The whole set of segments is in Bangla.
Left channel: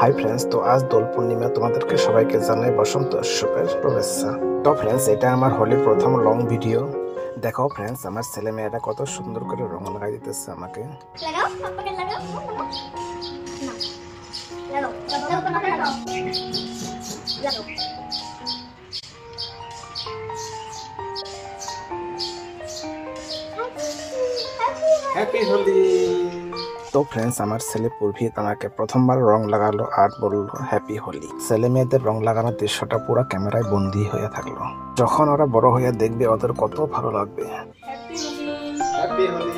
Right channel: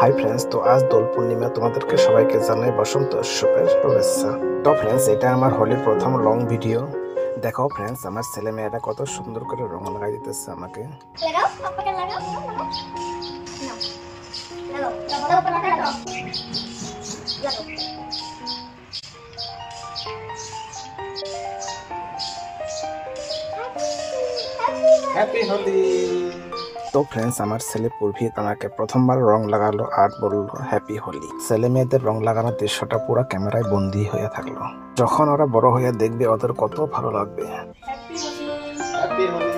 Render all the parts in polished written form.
হাই ফ্রেন্ডস, তো আজ দোল পূর্ণিমা, তোমাদেরকে সবাইকে জানাই বসন্ত উৎসবের শুভেচ্ছা। তো ফ্রেন্ডস, এটা আমার হোলির প্রথম লং ভিডিও। দেখো ফ্রেন্ডস, আমার ছেলে মেয়েরা কত সুন্দর করে রং লাগাই দিতেছে আমাকে। হ্যাপি হোলি। তো ফ্রেন্ডস, আমার ছেলে পূর্ভিত আমাকে প্রথমবার রং লাগালো আর বললো হ্যাপি হোলি। ছেলে মেয়েদের রং লাগানোর দৃশ্যটা পুরো ক্যামেরায় বন্দী হয়ে থাকলো। যখন ওরা বড় হয়ে দেখবে ওদের কত ভালো লাগবে। হ্যাপি হোলি।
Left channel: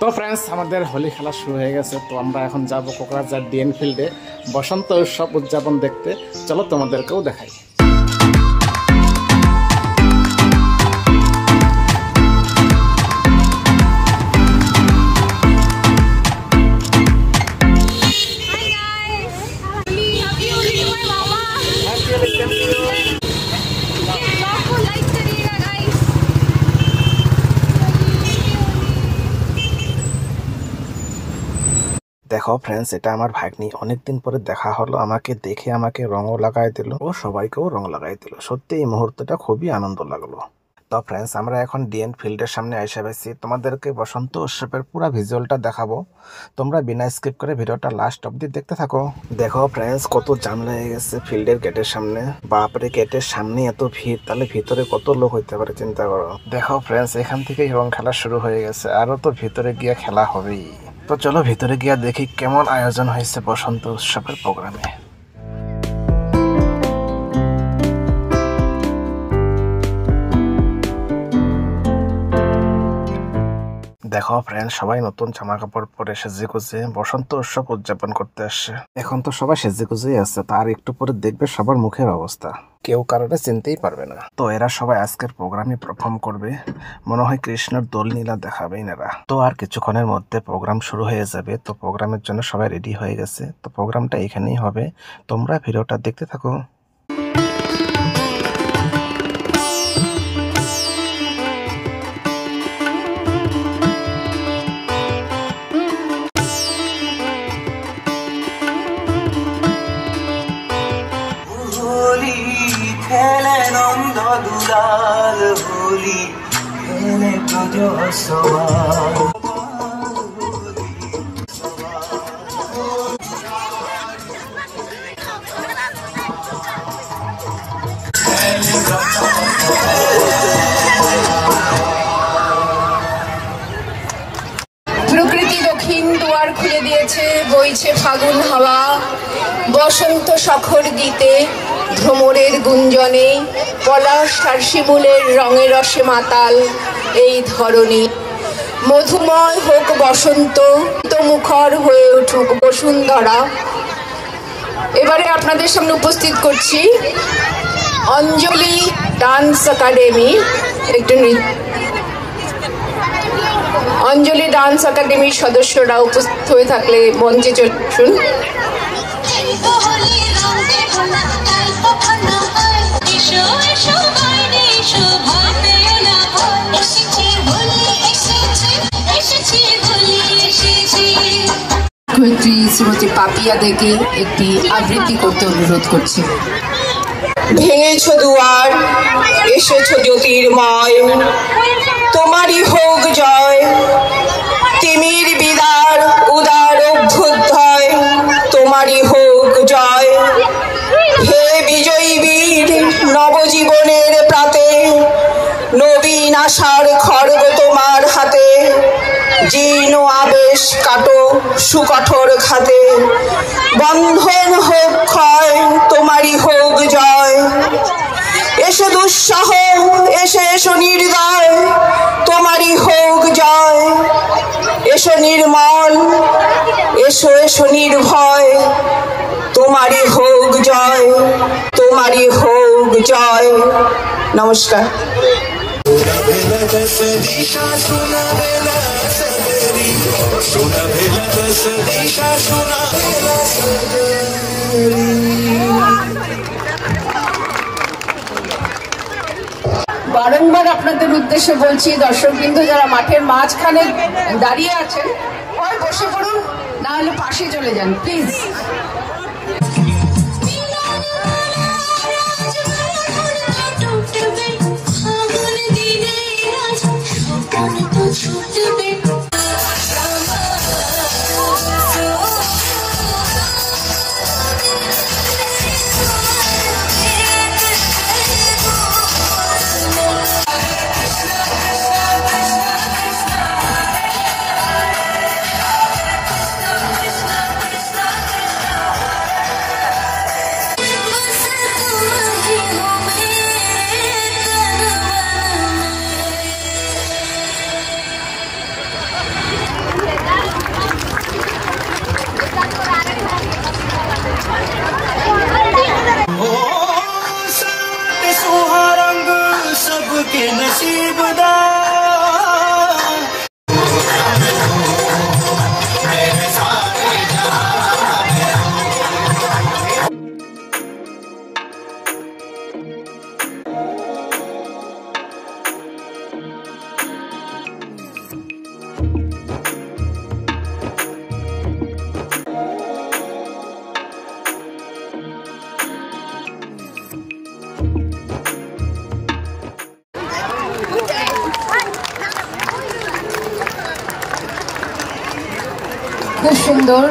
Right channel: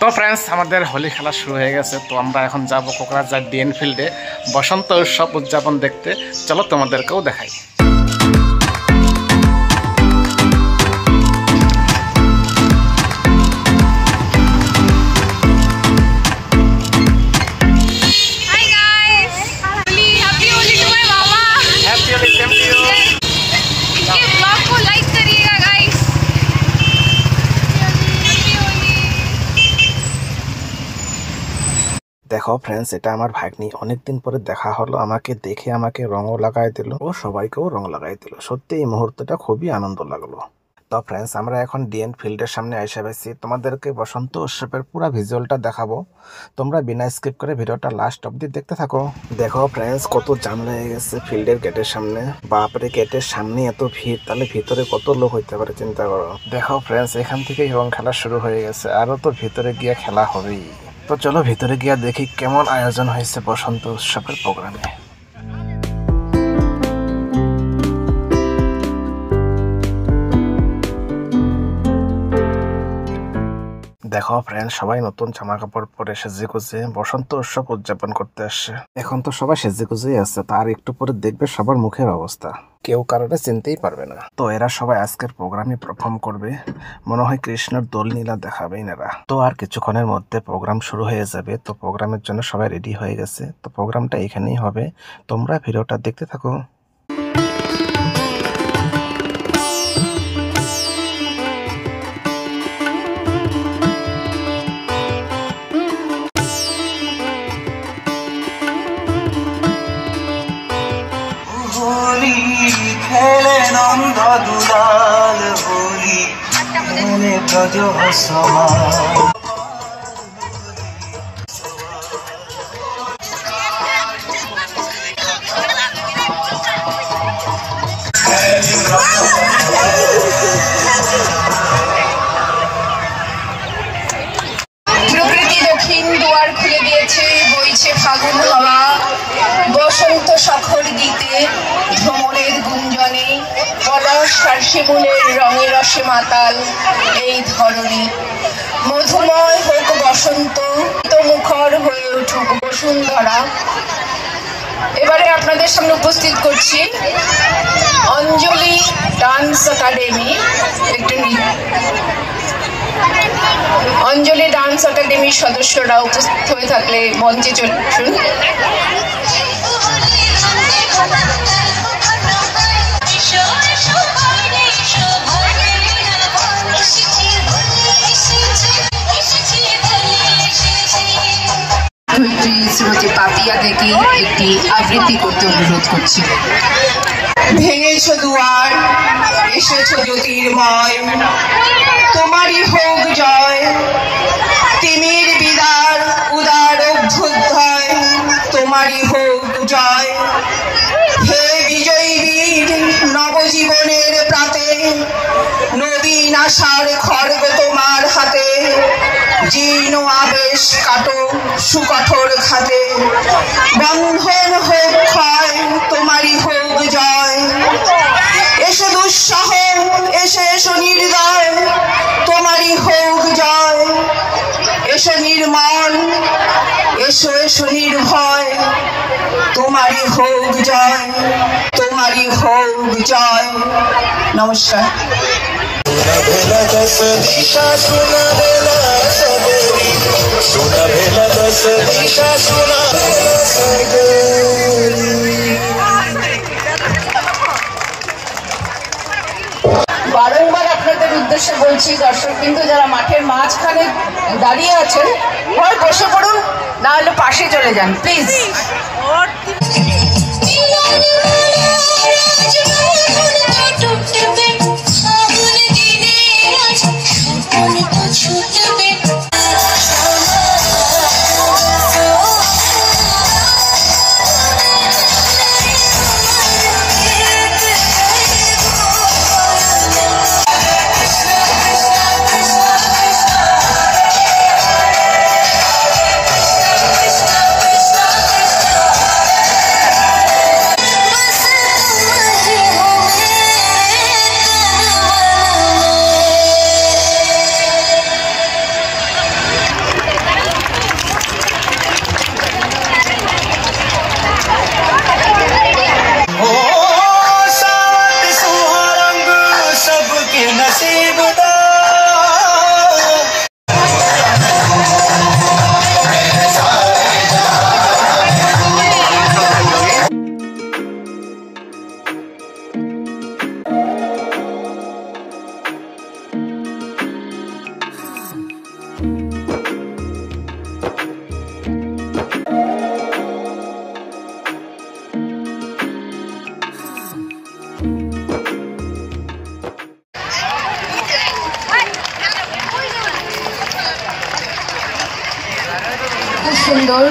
তো ফ্রেন্ডস, আমাদের হোলি খেলা শুরু হয়ে গেছে। তো আমরা এখন যাব কোকরাঝাড় ডিএন ফিল্ডে বসন্ত উৎসব উদযাপন দেখতে। চলো তোমাদেরকেও দেখাই। দেখো ফ্রেন্ডস, এটা আমার ভাগ্নি। অনেকদিন পরে দেখা হলো, আমাকে দেখে আমাকে রঙও লাগাই দিল ও সবাইকেও রং লাগাই দিল। সত্যি এই মুহূর্তটা খুবই আনন্দ লাগলো। তো ফ্রেন্ডস, আমরা এখন ডিএন ফিল্ডের সামনে এসে পেয়েছি। তোমাদেরকে বসন্ত উৎসবের পুরো ভিজুয়ালটা দেখাবো। তোমরা বিনা স্কিপ করে ভিডিওটা লাস্ট অবধি দেখতে থাকো। দেখো ফ্রেন্ডস, কত জাম লেগে গেছে ফিল্ডের গেটের সামনে। বাপরে, গেটের সামনে এত ভিড়, তাহলে ভিতরে কত লোক হইতে পারে চিন্তা করো। দেখো ফ্রেন্ডস, এখান থেকেই রং খেলা শুরু হয়ে গেছে, আরো তো ভিতরে গিয়ে খেলা হবেই। তো চলো ভিতরে গিয়ে দেখি কেমন আয়োজন হয়েছে বসন্ত উৎসবের প্রোগ্রামে। দেখো ফ্রেন্ড, সবাই নতুন জামা কাপড় পরে সেজে গুজে বসন্ত উৎসব উদযাপন করতে আসছে। এখন তো সবাই সেজে গুজেই আছে, তার একটু পরে দেখবে সবার মুখের অবস্থা, কেউ কারোরে চিনতেই পারবে না। তো এরা সবাই আজকের প্রোগ্রামে পারফর্ম করবে। মনে হয় কৃষ্ণের দোল নীলা দেখাবেন এরা। তো আর কিছুক্ষণের মধ্যে প্রোগ্রাম শুরু হয়ে যাবে। তো প্রোগ্রামের জন্য সবাই রেডি হয়ে গেছে। তো প্রোগ্রামটা এখানেই হবে, তোমরা ভিডিওটা দেখতে থাকো। খেলে নন্দ দুলাল হোলি, খেলে ব্রজ সবার। প্রকৃতি দক্ষিণ দুয়ার খুলে দিয়েছে, বইছে ফাগুন হাওয়া। বসন্ত সখর গীতে, ভ্রমরের গুঞ্জনে, পলাশ আর শিমুলের রঙে রসে মাতাল এই ধরনী। মধুময় হোক বসন্ত, মুখর হয়ে উঠুক বসুন্ধরা। এবারে আপনাদের সামনে উপস্থিত করছি অঞ্জলি ডান্স একাডেমি। একটু অঞ্জলি ডান্স একাডেমির সদস্যরা উপস্থিত হয়ে থাকলে মঞ্চে চলে আসুন। শ্রীমতী পাপিয়া থেকে একটি আবৃত্তি করতে অনুরোধ করছি। ভেঙেছ দুয়ার, এসেছ জ্যোতির্ময়, তোমারই হোক জয়। তিমির বিদার উদার অভ্যুদয়, তোমারই হোক জয়। হে বিজয়ী বীর, নবজীবনের প্রাতে, নবীন আশার খড়গ তোমার হাতে। জীর্ণ আবেশ কাটো সুকঠোর খাতে, বন্ধন হোক ক্ষয়, তোমারই হোক জয়। এসো দুঃসহ, এসো এসো নির্দয়, তোমারই হোক জয়। এসো নির্মল, এসো এসো নির্ভয়, তোমারই হোক জয়, তোমারই হোক জয়। নমস্কার। বারংবার আপনাদের উদ্দেশ্যে বলছি, দর্শকবৃন্দ যারা মাঠের মাঝখানে দাঁড়িয়ে আছেন, হয় বসে পড়ুন, না হলে পাশে চলে যান প্লিজ। খুব সুন্দর।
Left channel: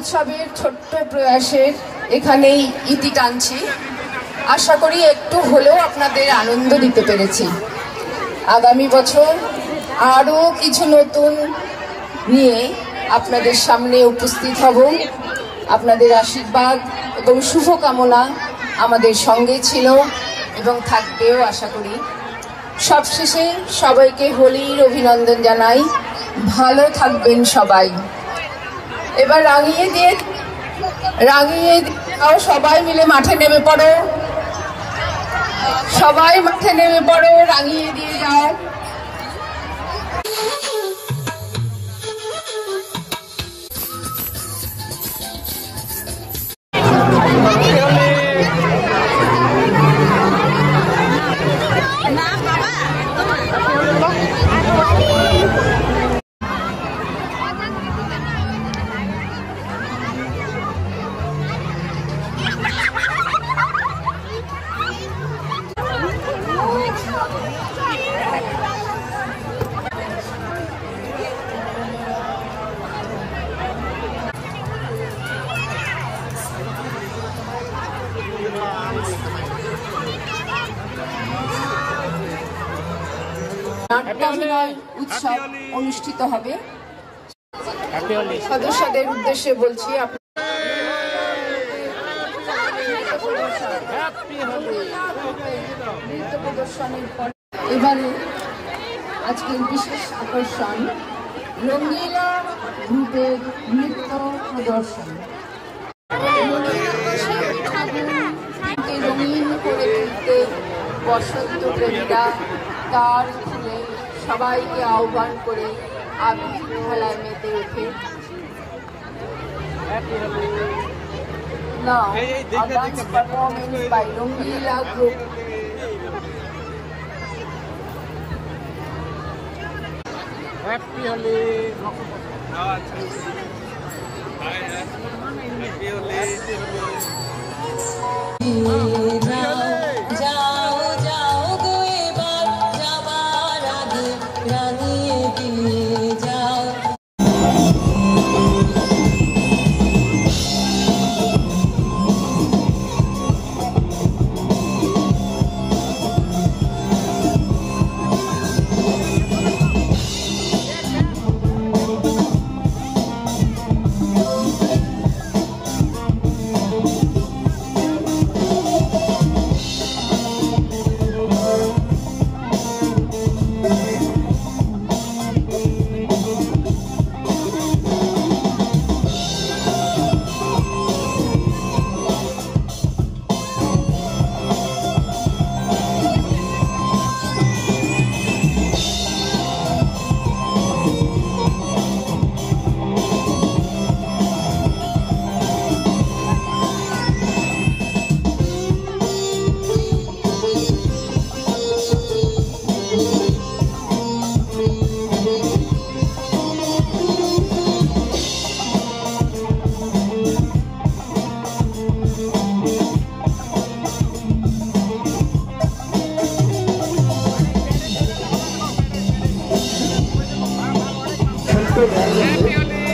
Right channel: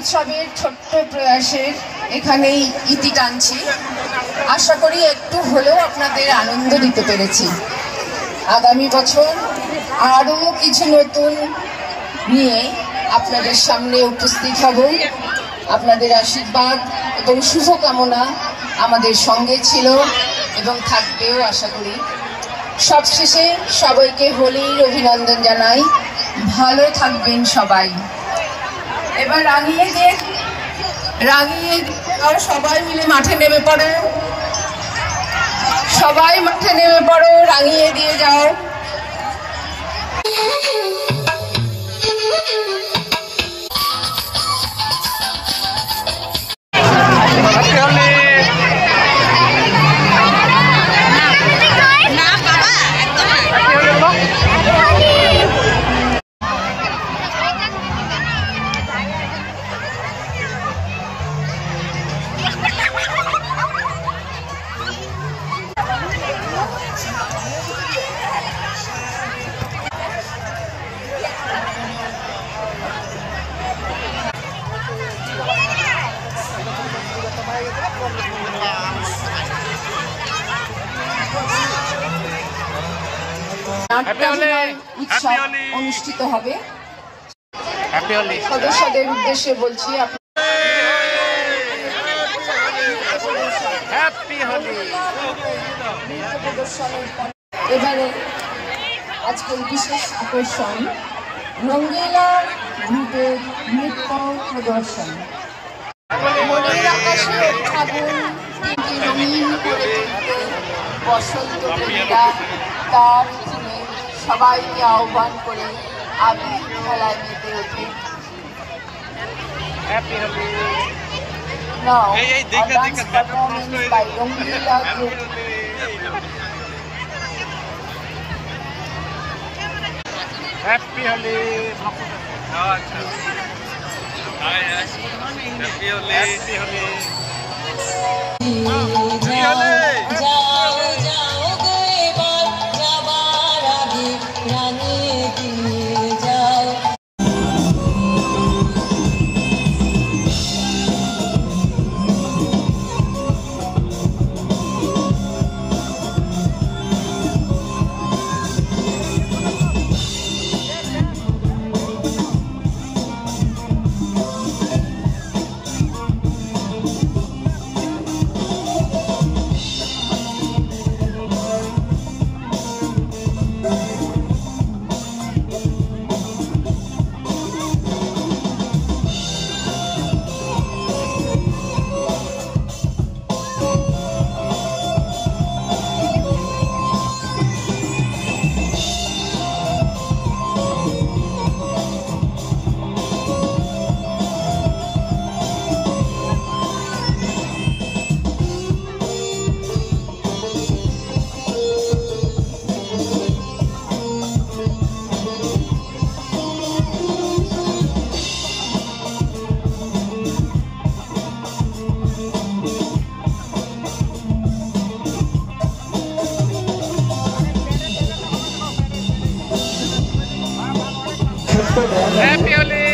উৎসবের ছোট্ট প্রয়াসের এখানেই ইতি টানছি। আশা করি একটু হলেও আপনাদের আনন্দ দিতে পেরেছি। আগামী বছর আরও কিছু নতুন নিয়ে আপনাদের সামনে উপস্থিত হব। আপনাদের আশীর্বাদ এবং শুভকামনা আমাদের সঙ্গে ছিল এবং থাকবেও আশা করি। সবশেষে সবাইকে হোলির অভিনন্দন জানাই। ভালো থাকবেন সবাই। এবার রাঙিয়ে আর সবাই মিলে মাঠে নেমে পড়ো, সবাই মাঠে নেমে পড়ো, রাঙিয়ে দিয়ে যাও। উৎসব অনুষ্ঠিত হবে। সদস্যদের উদ্দেশ্যে বলছি, এবারে আজকের বিশেষ আকর্ষণ রঙ্গিলা গ্রুপের নৃত্য প্রদর্শন। মনের আকাশে আগুন রঙিন করে তুলতে বসন্ত প্রেমীরা তার তুলে সবাইকে আহ্বান করে আবির খেলায় মেতে ওঠে। Now, a dance performance by Rongila Group. Happy Holi. আচ্ছা hi hi happy Holi happy Holi যাও যাও গো এবার যাবার আগে রাঙিয়ে দিয়ে যাও। হ্যাপি হোলি।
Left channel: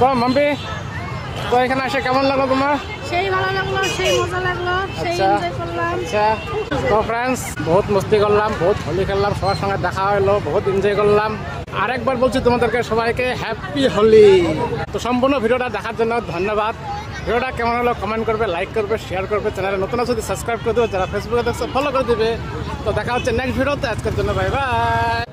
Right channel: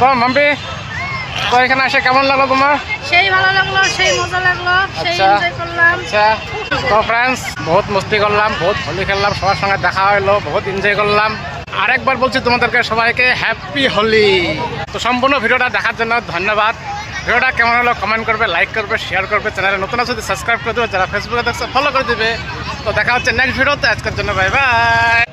তো মাম্পি, তো এখানে এসে কেমন লাগলো তোমার? সেই ভালো লাগলো, সেই মজা লাগলো, সেই আচ্ছা। এনজয় করলাম। আচ্ছা, তো ফ্রেন্ডস বহুত মস্তি করলাম, বহুত হোলি খেললাম, সবার সঙ্গে দেখা হলো, বহুত এনজয় করলাম। আরেকবার বলছি তোমাদেরকে সবাইকে হ্যাপি হোলি। তো সম্পূর্ণ ভিডিওটা দেখার জন্য ধন্যবাদ। ভিডিওটা কেমন হলো কমেন্ট করবে, লাইক করবে, শেয়ার করবে, চ্যানেলে নতুন আছে সাবস্ক্রাইব করে দেবে, যারা ফেসবুকে দেখছে ফলো করে দেবে। তো দেখা হচ্ছে নেক্সট ভিডিওতে। আজকের জন্য বাই বাই।